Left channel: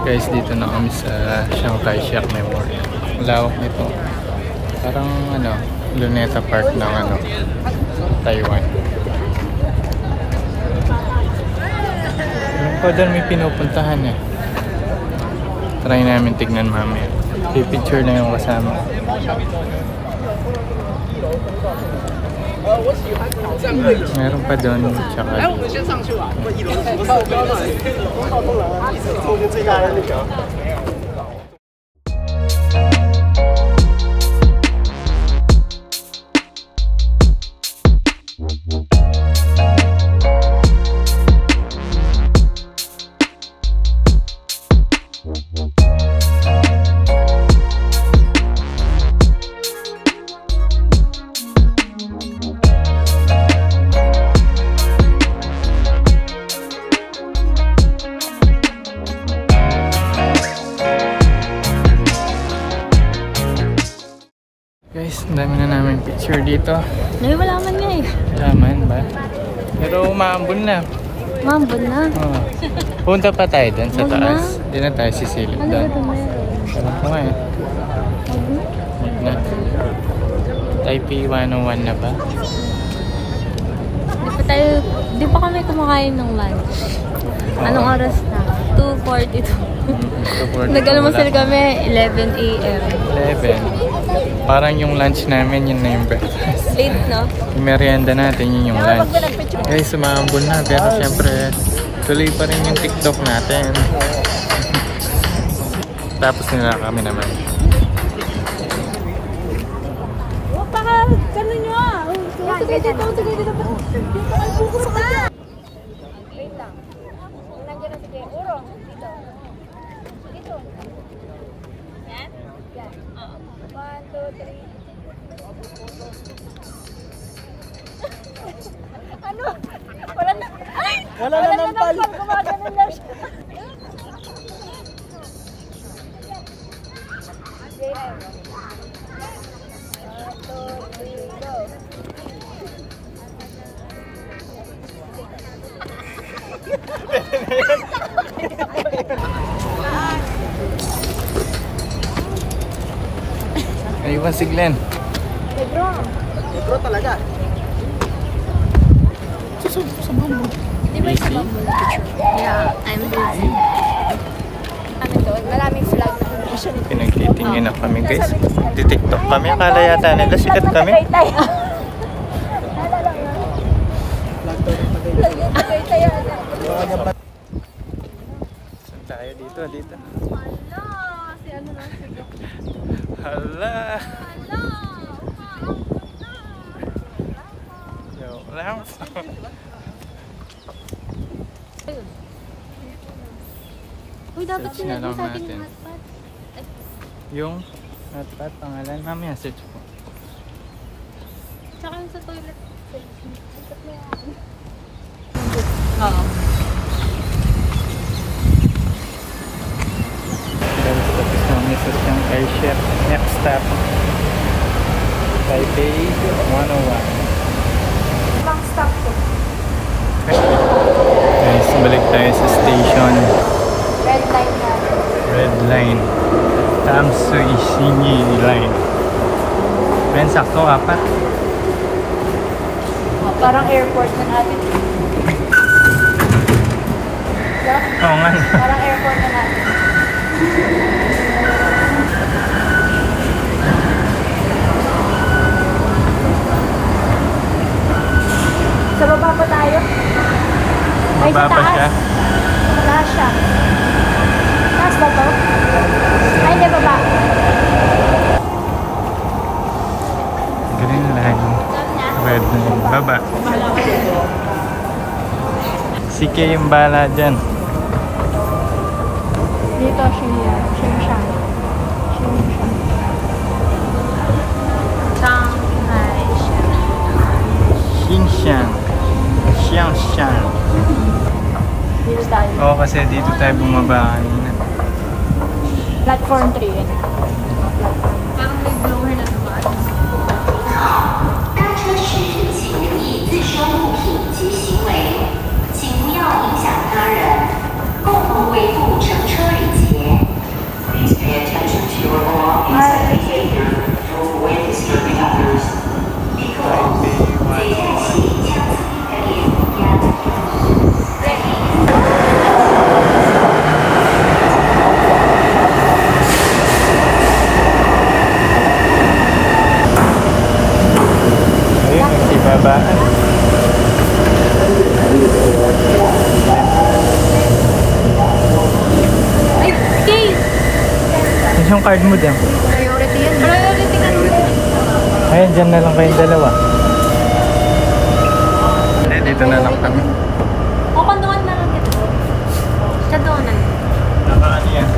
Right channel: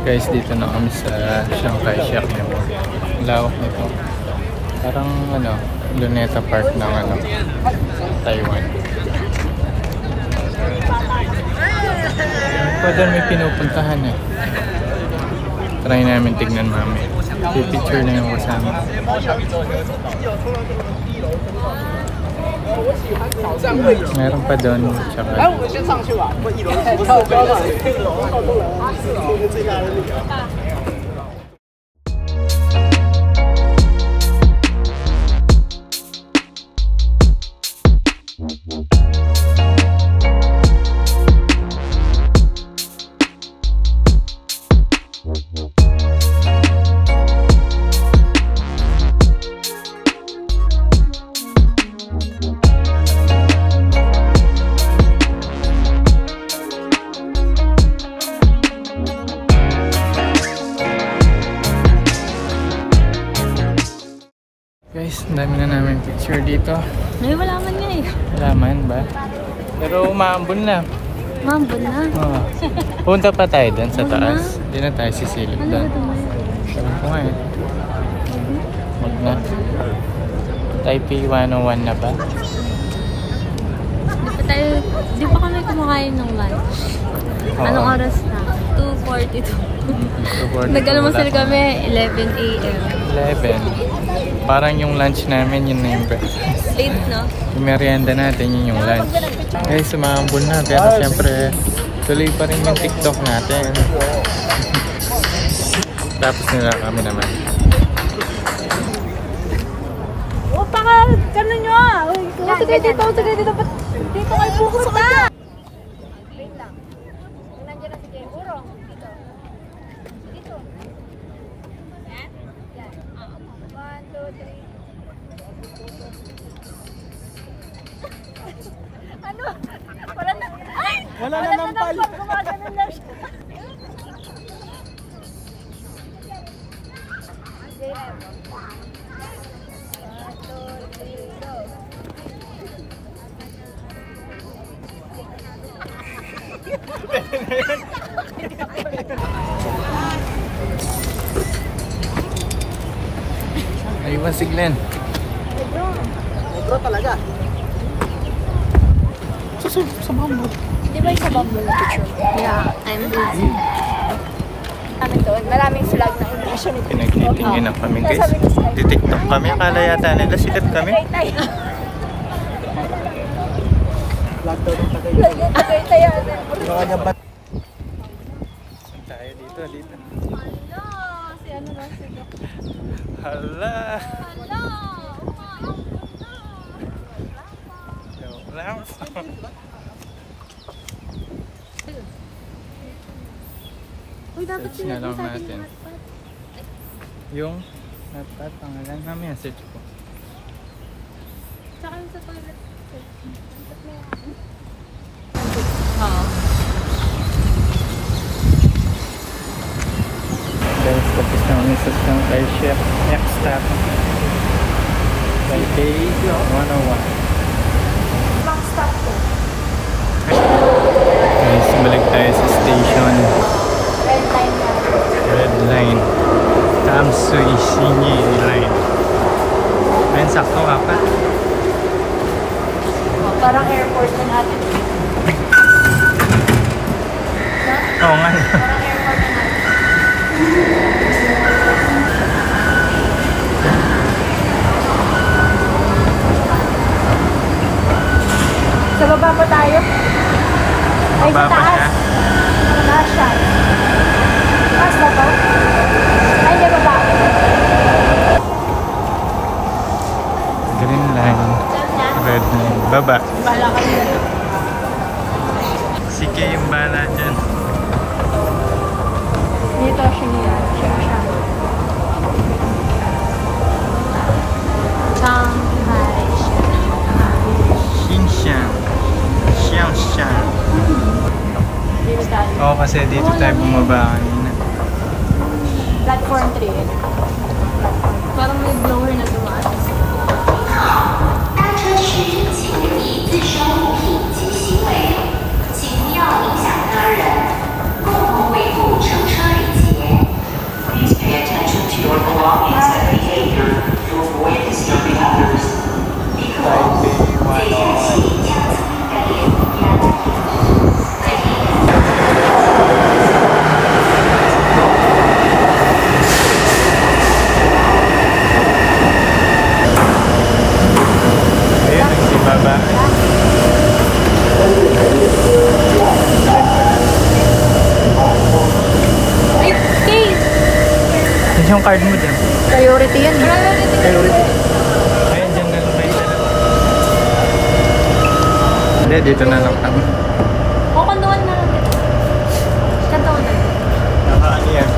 Guys, dito na kami sa Chiang Kai-shek Memorial. Ang lawak nito. Parang Luneta Park ng Taiwan. Meron pa doon may pinupuntahan eh. Try namin tignan mamaya. Pipicture na yung kasama. Meron pa doon, tsaka guys, ang dami na namin picture dito. May wala man niya eh. Wala man ba? Pero umaambon na. Umaambon na? Oo. Punta pa tayo doon sa taas. Hindi na tayo sisilip doon. Alam ko nga eh. Huwag na. Taipei 101 na ba? Di pa kami kumakain ng lunch. Anong oras na? 2:42. 2:42. Nag-almusal kami 11 AM. 11. Parang yung lunch namin, yun na yung breakfast. Late, no? Yung merienda natin, yun yung lunch. Guys, sumaambol na. Pero syempre, tuloy pa rin yung TikTok natin. Tapos nila kami naman. O, baka gano'n nyo ah. Sige dito. Dito kayo pupunta. Wala na ng pala. Ayun si Glenn. Negro talaga. Yeah, I'm busy. Maraming flag na connection. Pinagtitingin na kami guys. Titiktok kami. Akala yata nila sikat kami. Saan tayo? Dito. Hala, si ano lang siya. Hala. Hala, umaambon na. Uy, dapat search na lang sa atin natin. yung hotpot. Yung hotpot pangalan. Mamaya search ko. Tsaka yung sa toilet. Guys, tapos na kami sa Chiang Kai-shek. Next stop, Taipei 101. Long stop ko. Guys, balik tayo sa station. Red line. Tamsui Shinyi line. Ayun, sakto apat. Parang airport na natin. Oo nga. Parang airport na natin. Sa baba pa tayo? Ay, Baba sa pa taas. siya. Taas siya. Taas ba to? Ay, hindi, baba. Green line. Red line. Baba. Sige yung bala dyan. Dito siya niya. Xingshan. Xiangshan. Dito tayo. Oo, kasi dito tayo bumaba kanina. Platform 3. Parang may blower na dumaan. 搭车时请留意自身物品及行为，请不要影响他人，共同维护乘车礼节。babaan. Ay, okay. Yung card mo dyan. Priority yan. Priority. Ayun, dyan na lang kayong dalawa. Hindi, dito na lang kami. O, kanduan na lang kita. Kanduan na lang. Nakaano yan?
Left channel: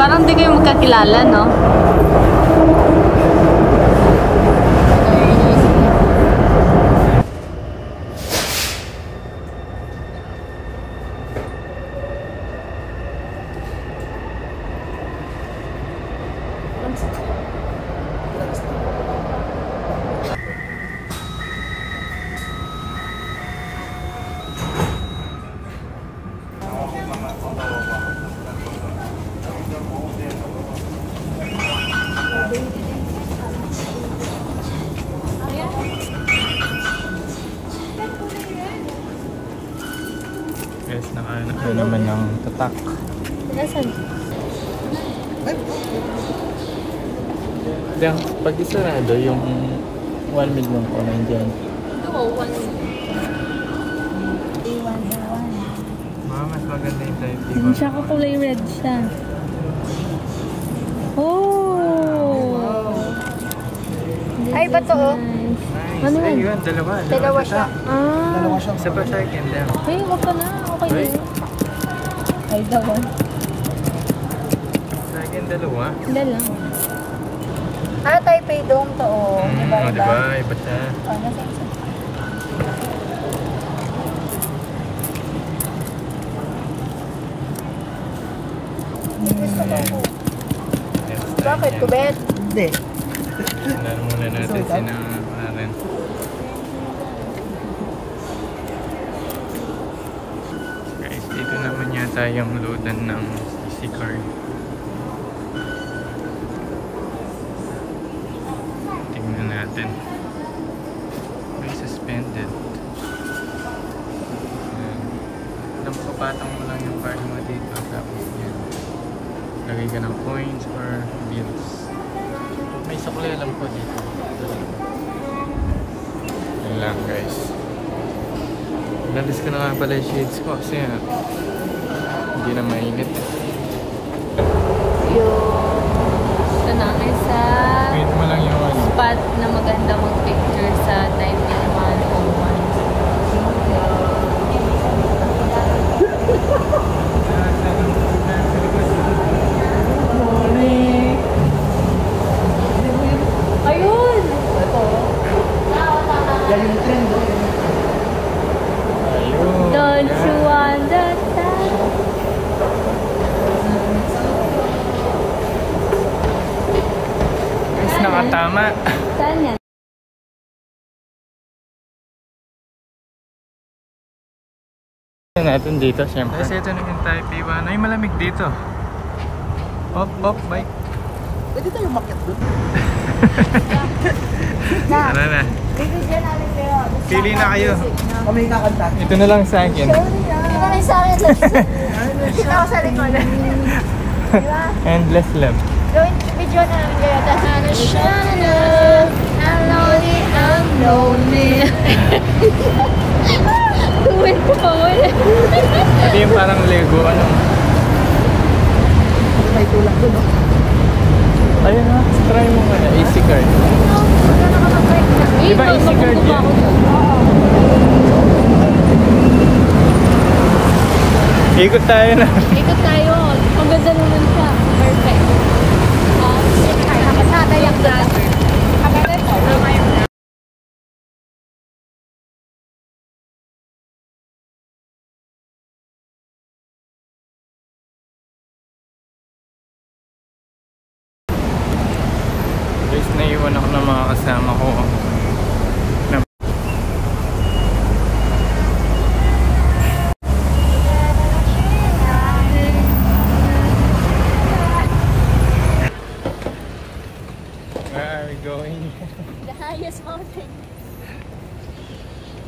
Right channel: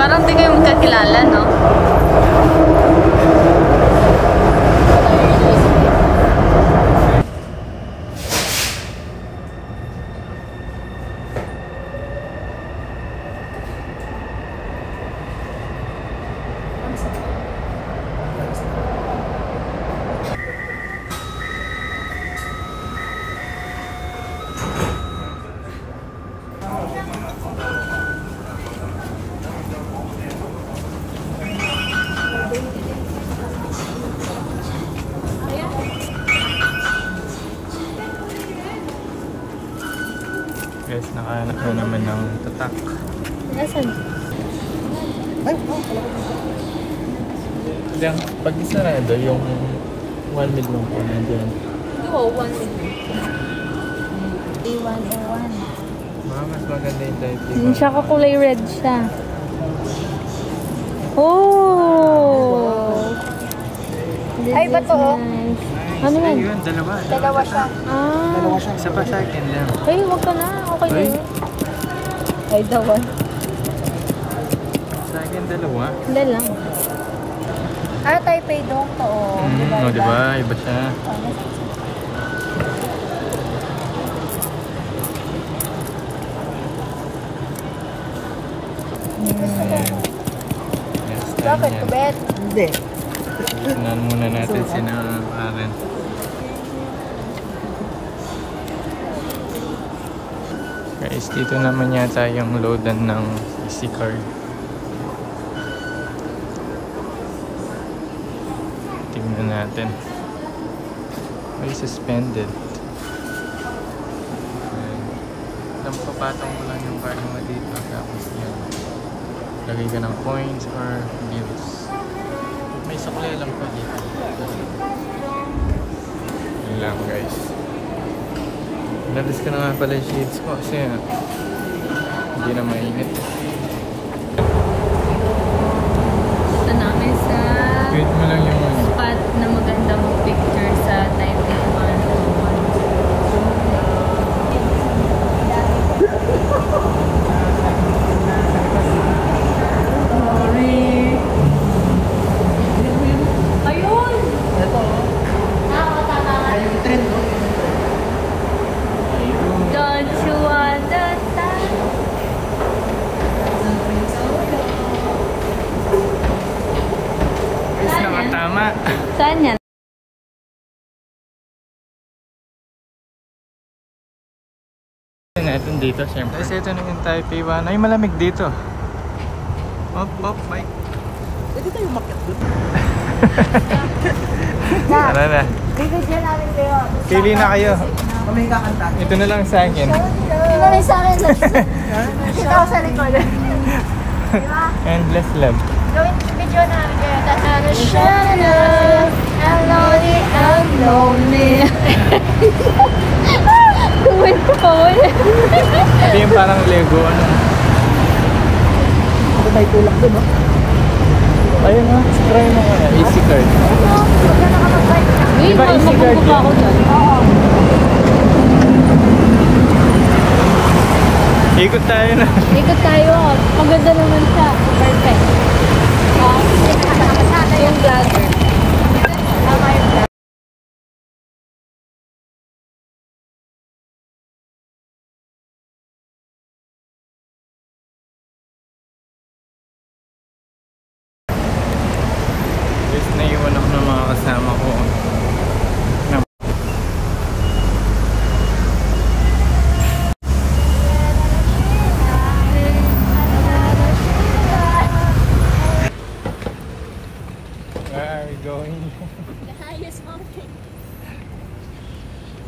Parang di kayo magkakilala, no? Guys, nakahanap na naman ng tatak. Nasaan? Diyan, pag isarado, yung 1 million ko na hindi yan. Oo, 1 million. A1. Mga mas maganda yung type D. Siya ko kulay red siya. Oh! Ay, bato. Nice. Ano yan? Ayun, dalawa siya. Ah! Isa pa sa akin lang. Ay, wag ka na. Okay na yun. Ay, dawan. Sa akin dalawa. Hindi lang. Taipei dong to. Oh, diba? Iba siya. Bakit, Kubet? Hindi. Tingnan muna natin sinakaran. Guys, dito naman yata yung loadan ng CC card. Tingnan natin. May suspended. Ayan. Alam ko, patong mo lang yung card mo dito. Tapos yan. Lagay ka ng coins or bills. May sukli alam ko dito. Yan lang guys. Nalis ko na nga pala yung shades ko kasi hindi na mainit. Ito namin sa Wait mo lang yung ano. spot na maganda mag-picture sa time yan. 101. Ayun! Ayun. Don't you understand? Guys, nakatama. Saan yan? Natin dito siyempre. Guys, ito na yung Taipei 1. Ay, malamig dito. Op, bike. Pwede tayo umakyat doon. Tara na. Bigyan namin kayo. Pili na kayo. Kami kakanta. Ito na lang sa akin. Pinalay sa akin sa ikaw sa likod. Diba? Endless love. Join video namin kayo. Tapos I'm lonely. Kuwin ko pa wala. Ito yung parang Lego, ano. Pwede tayo tulak doon, no? Ayun nga, try mo kaya, easy card. Di ba easy card yan? Ikot tayo na. Ikot tayo. Ang ganda naman siya. Perfect. Yung dati. Guys, naiwan ako ng mga kasama ko. Where are we going? The highest mountain.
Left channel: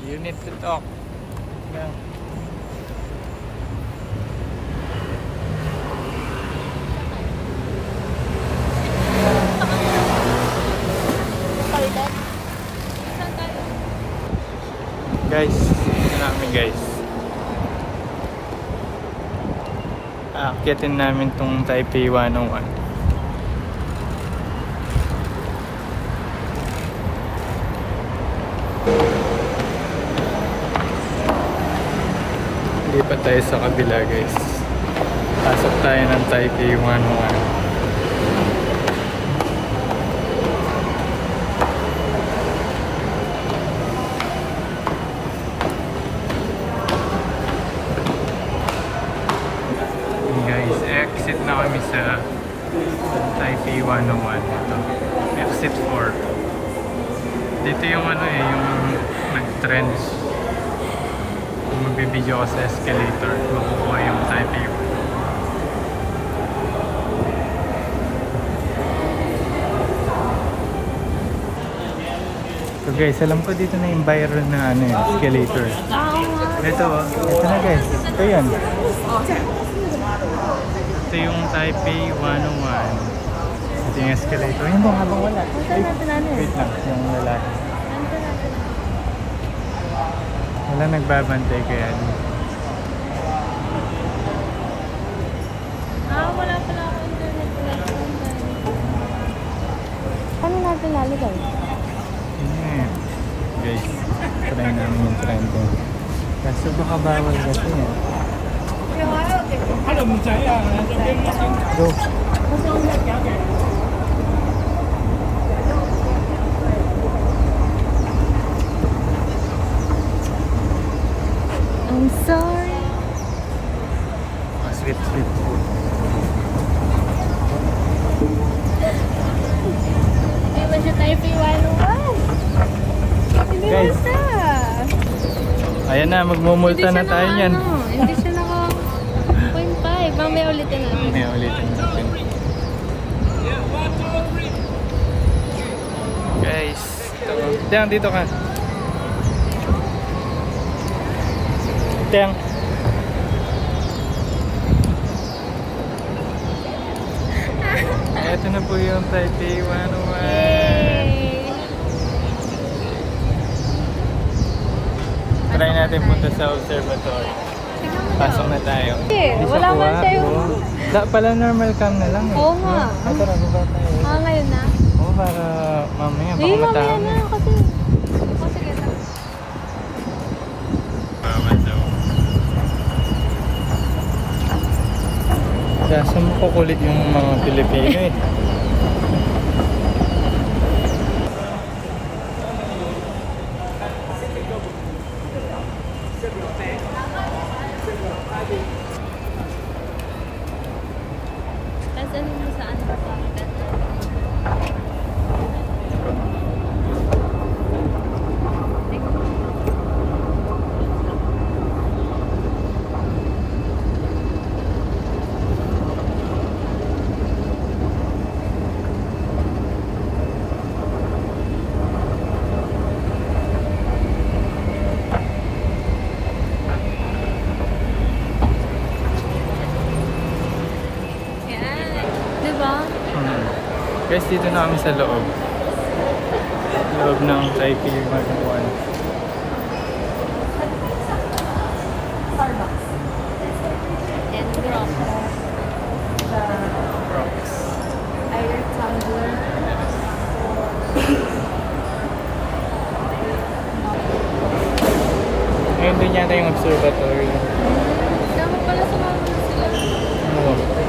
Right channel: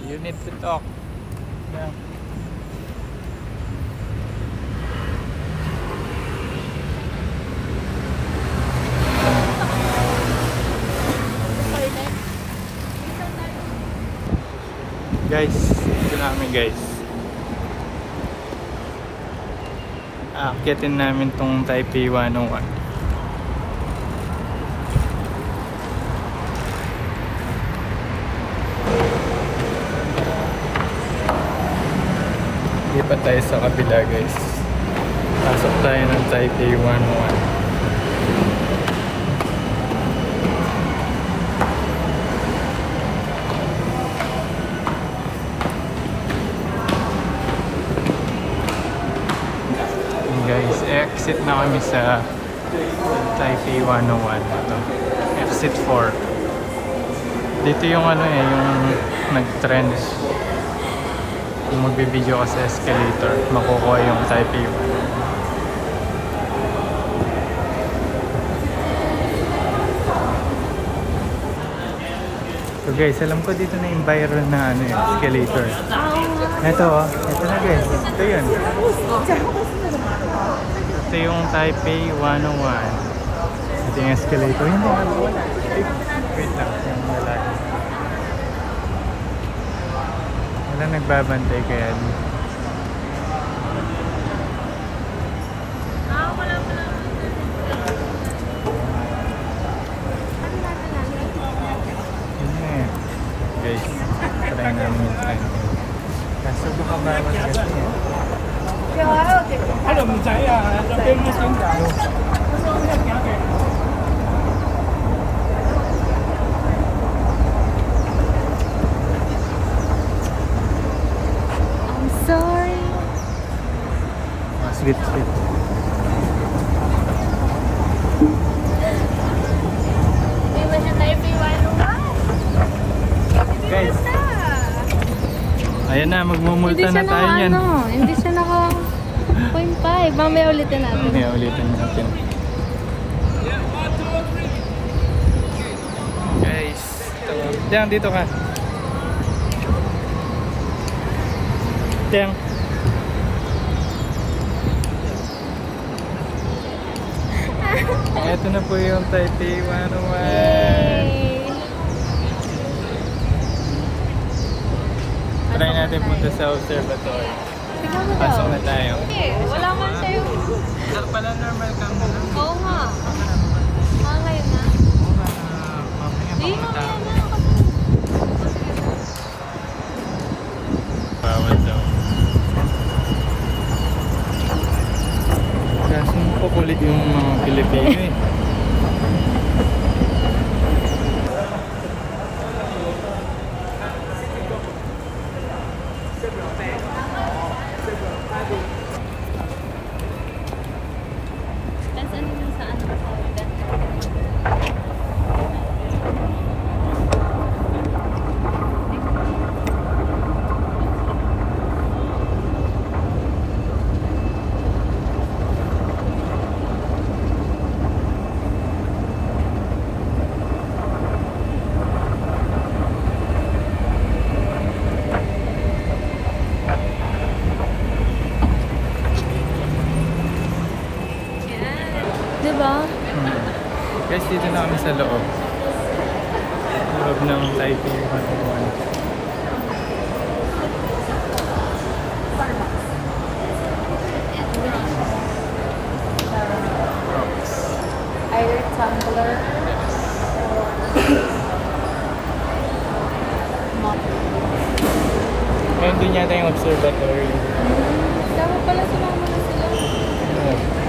You need to talk. Lang. Guys, ito namin guys. Aakyatin namin tong Taipei 101. Hindi pa tayo sa kabila guys. Pasok tayo ng Taipei 101. Guys, exit na kami sa Taipei 101. Ito, exit 4. Dito yung ano eh, yung nag-trend. Kung magbibideo ka sa escalator, makukuha yung Taipei. So guys, alam ko dito na yung viral na ano, escalator. Ito oh, ito na guys. Ito yan. Ito yung Taipei 101. Ito yung escalator. Hindi nga ba wala? Ay, wait lang, yung lalaki. Wala nagbabantay kaya dito. Wala pa na ako internet. Ano natin lalagay? Yun eh. Guys, try namin yung trend ko. Kaso baka bawal kasi yan. Go. I'm sorry. Sweet, sweet. Hindi ba siya Taipei 101? Guys, ayan na, magmumulta na tayo yan. Hindi siya naka 0.5. Mamaya ulitin natin. Mamaya ulitin natin. Guys, ito. Tiang, dito ka. Tiang. Ito na po yung Taipei 101. Yay! Try natin punta sa observatory. Pasok na tayo. Wala ba tayo? Wala pala, normal cam na lang. Oo nga. Tara, baba. Ngayon na. Oo, para mamaya baka matawag. Bawal daw. Kaso makukulit yung mga Pilipino eh. Saan mo sa ano sa dental? Diba? Guys, dito na kami sa loob. Loob ng Taipei 101. Rocks. Air tumbler. Ayun doon yata yung observatory. Dapat pala sumama na sila. Oo.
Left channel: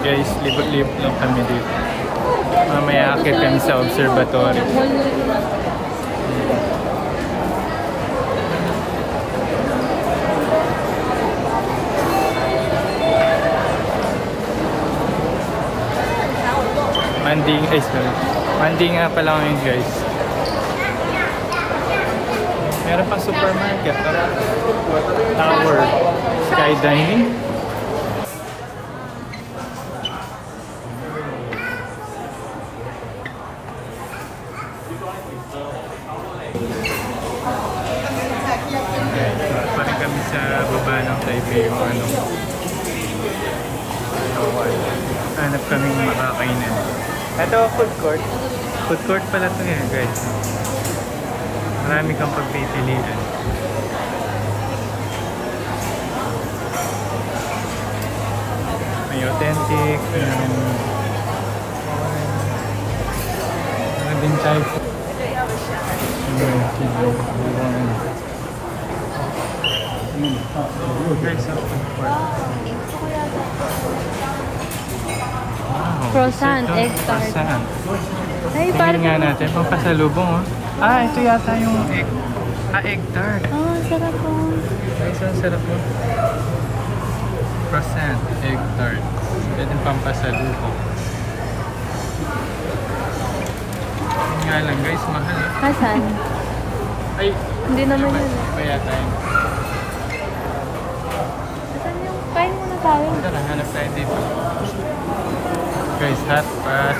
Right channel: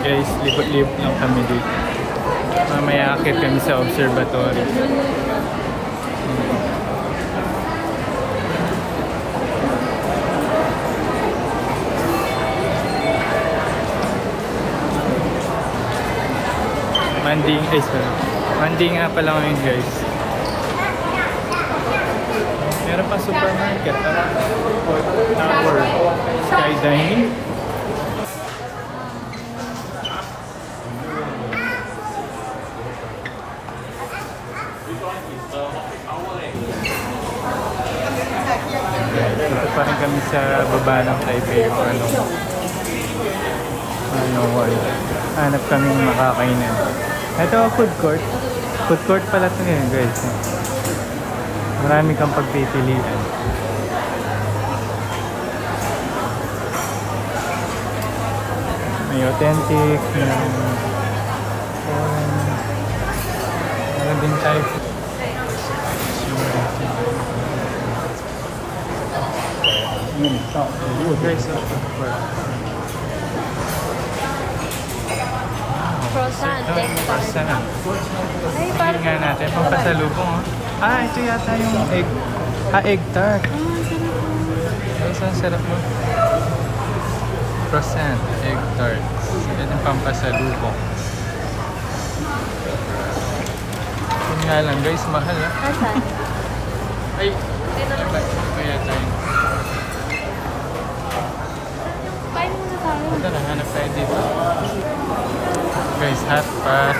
Guys, libot-libot lang kami dito. Mamaya akit kami sa observatory. Manding, ay sorry. Manding nga pala ngayon guys. Meron pa supermarket. Tower. Skydining. Ito pa rin kami sa baba ng Taipei yung ano. Hanap kaming makakainan. Ito food court. Food court pala ito ngayon guys. Marami kang pagpipilian. May authentic. Ano din tayo. Guys, so food court. Croissant, egg tart. Croissant. Tingnan nga natin, pampasalubong oh. Ah, ito yata yung egg. Ah, egg tart. Guys, ang sarap mo. Croissant, egg tart. Ito yung pampasalubong. Tingnan nga lang guys, mahal ah. Ay, Hindi na naman. Iba yata yun. Kain muna tayo. Tara, hanap tayo dito. Guys, hot pot.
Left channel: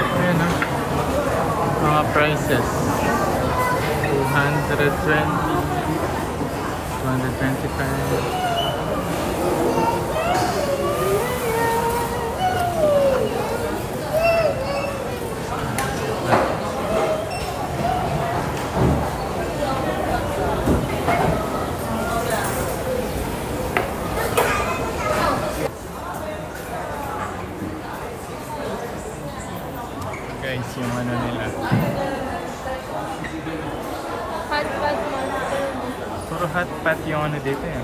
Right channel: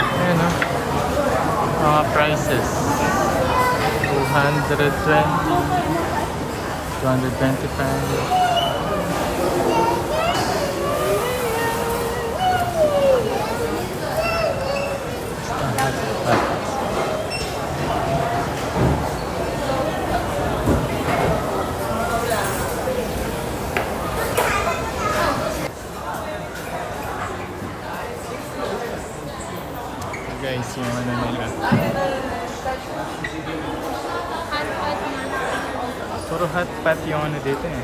Ayan o. Mga prices. 220. 225. Guys, yung ano nila. Puro hot pot yung ano dito eh.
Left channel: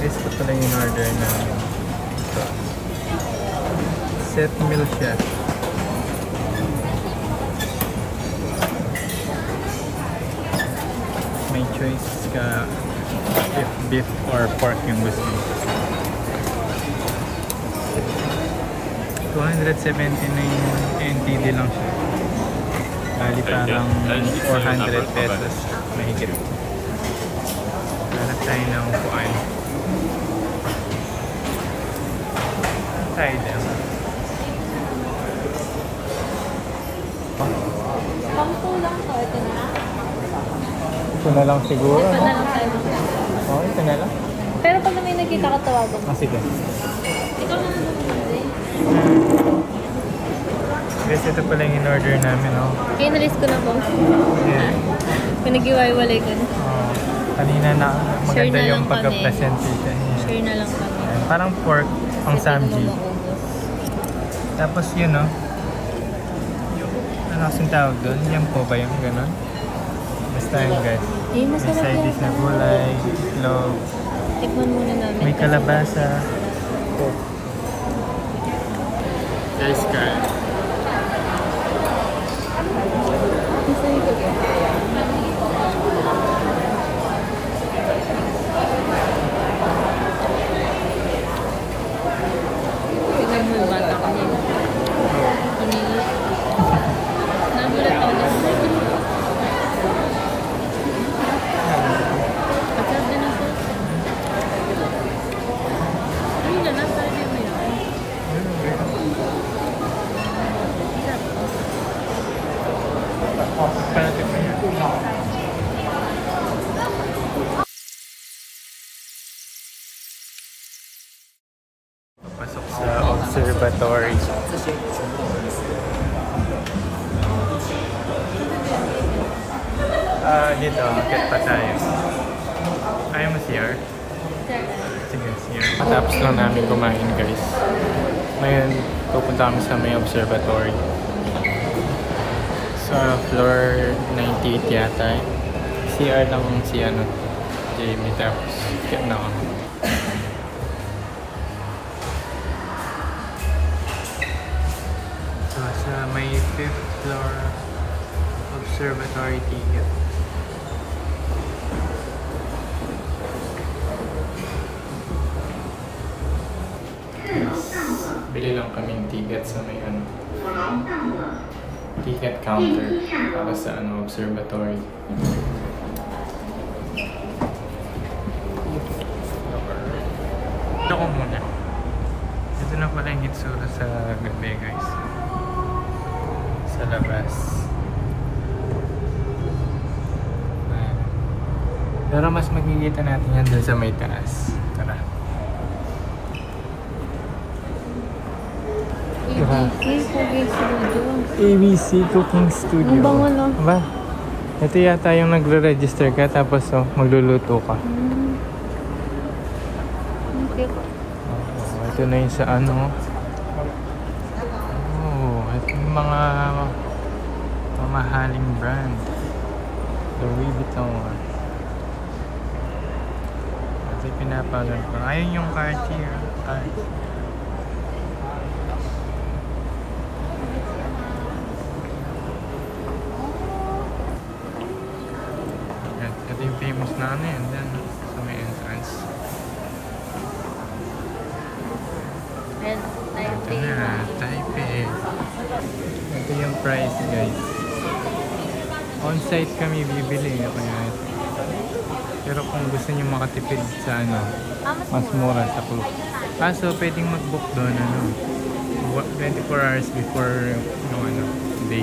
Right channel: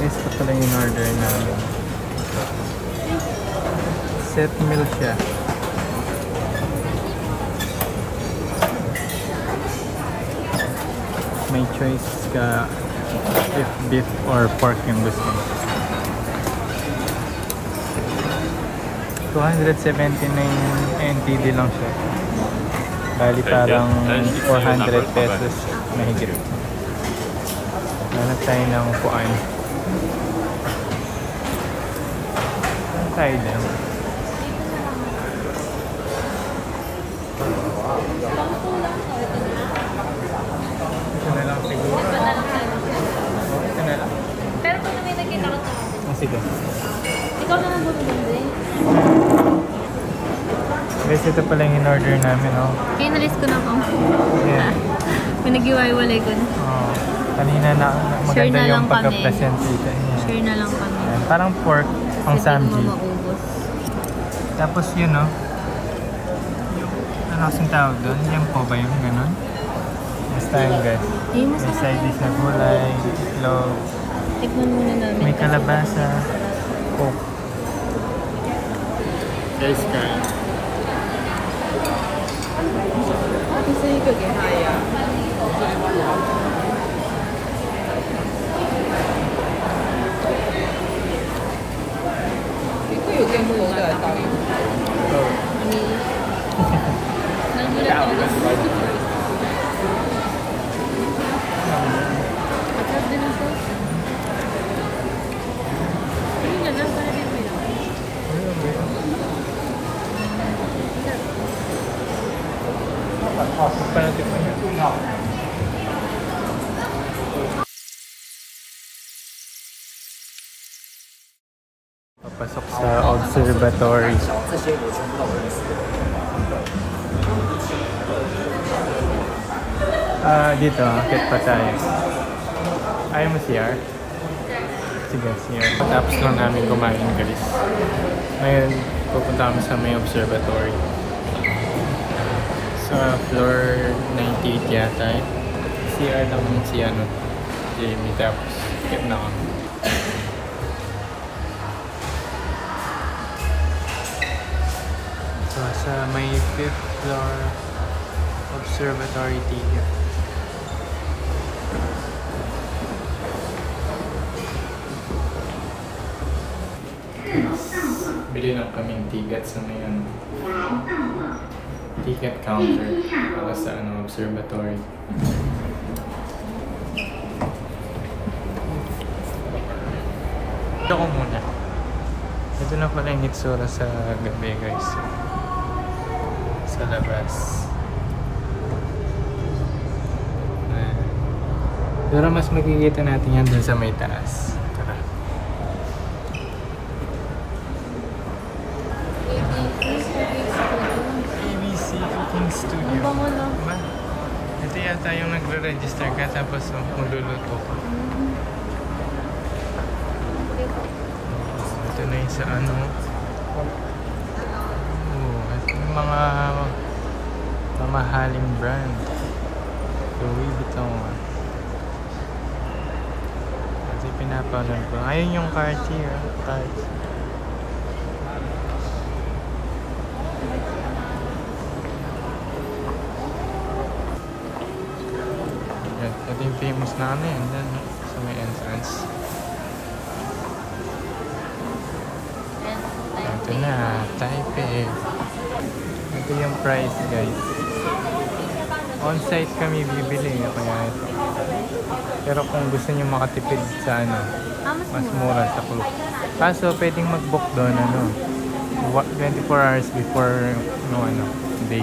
Guys, ito pala yung order namin. Set meal siya. May choice ka if beef or pork yung gusto mo. 279 NTD lang siya. Bali parang 400 pesos mahigit. Hanap tayo ng kuan. Tayo lang. Pangko lang to. Ito na. Ito na lang siguro, Ito no? na lang. Oo, ito na lang. Pero pag may nakita ka tawagan. Ah, sige. Ikaw na lang bumili. Guys, ito pala yung in-order namin, no? Kaya nalis ko na po. Yeah. Pinag-iwalay ko na. Kanina na maganda Share na yung lang kami. pagka-present dito. Share na lang kami. Ayan, parang pork ang samji. Tapos yun, no? Ano kasing tawag doon? Yan po ba yung gano'n? Basta yun, guys. May side dish na gulay, itlog, Tikman muna namin. may kalabasa. Oh. Guys, kain. Oh. Palapit mo yan. Papasok sa observatory. Dito, makit pa tayo. Ayaw mo CR? Sige, CR. Patapos lang namin kumain, guys. Ngayon, pupunta kami sa may observatory. Sa floor 98 yata eh. CR lang si ano, Jamie, tapos get na kami. So, sa may 5th floor observatory ticket. Bili lang kaming ticket sa may ano. ticket counter para sa observatory. Ito ko muna. Ito na pala yung itsura sa gabi, guys. Sa labas. Pero mas makikita natin yan dun sa may taas. Tara. ABC Cooking Studio. Ba? Ito yata yung nagre-register ka tapos magluluto ka. Ito na yung sa ito yung mga mamahaling brand. Louis Vuitton. Ito yung pinapanood ko. Ayun yung Cartier. Ito yung famous na yan. Yan sa may entrance. Ito na, Taipei. Ito yung price, guys. On-site kami bibili, kaya ito. Pero kung gusto niyo makatipid sa mas mura sa club. Kaso pwedeng mag-book doon 24 hours before day.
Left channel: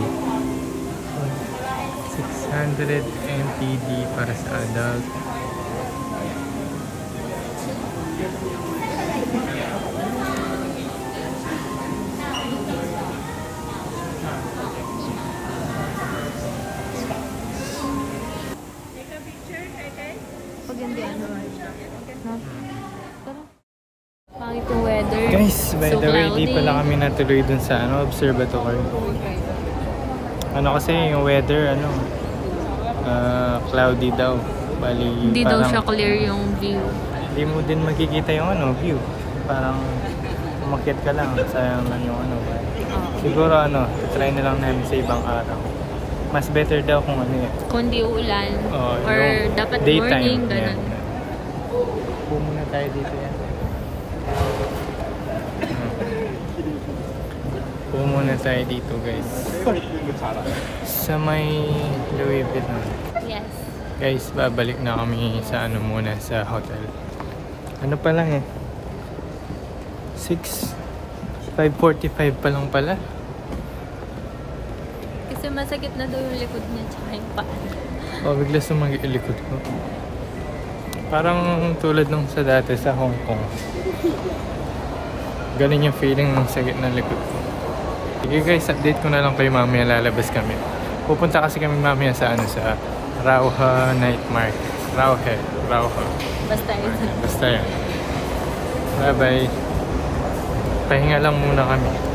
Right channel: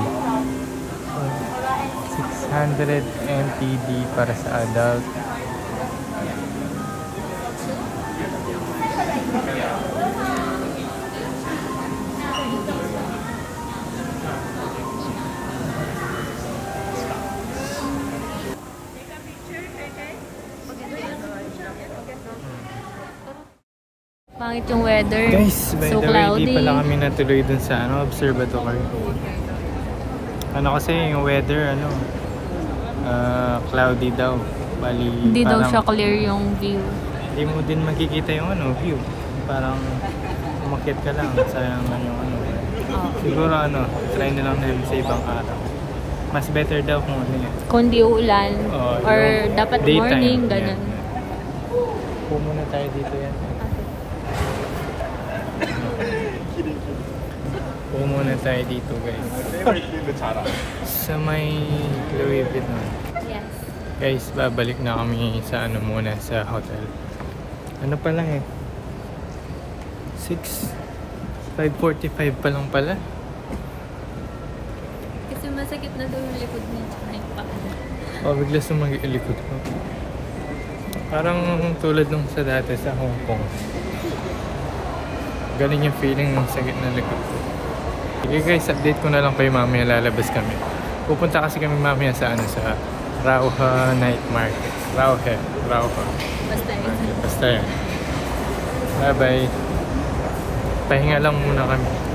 600 NTD para sa adult. Pangit yung weather. Guys, by So the way, di cloudy. pala kami natuloy dun sa observatory. Kasi yung weather, cloudy daw. Bali, Hindi daw parang siya clear yung view. hindi mo din makikita yung view. Parang umakyat ka lang. Sayang lang yung Siguro try na lang namin sa ibang araw. Mas better daw kung yan. Kung di ulan. Or yung dapat daytime, morning, ganun. yan. Upo muna tayo dito yan. Upo muna tayo dito, guys. Sa may Louis Vuitton. Yes. Guys, babalik na kami sa muna sa hotel. Pa lang 5:45 pa lang pala. Kasi masakit na daw yung likod niya. Bigla sumagi yung likod ko. Parang tulad nung sa dati sa Hong Kong. Ganun yung feeling ng sakit ng likod ko. Sige guys, update ko na lang kayo mamaya, lalabas kami. Pupunta kasi kami mamaya sa Rauha Night Market. Rauha. Basta yan. Bye bye. Pahinga lang muna kami.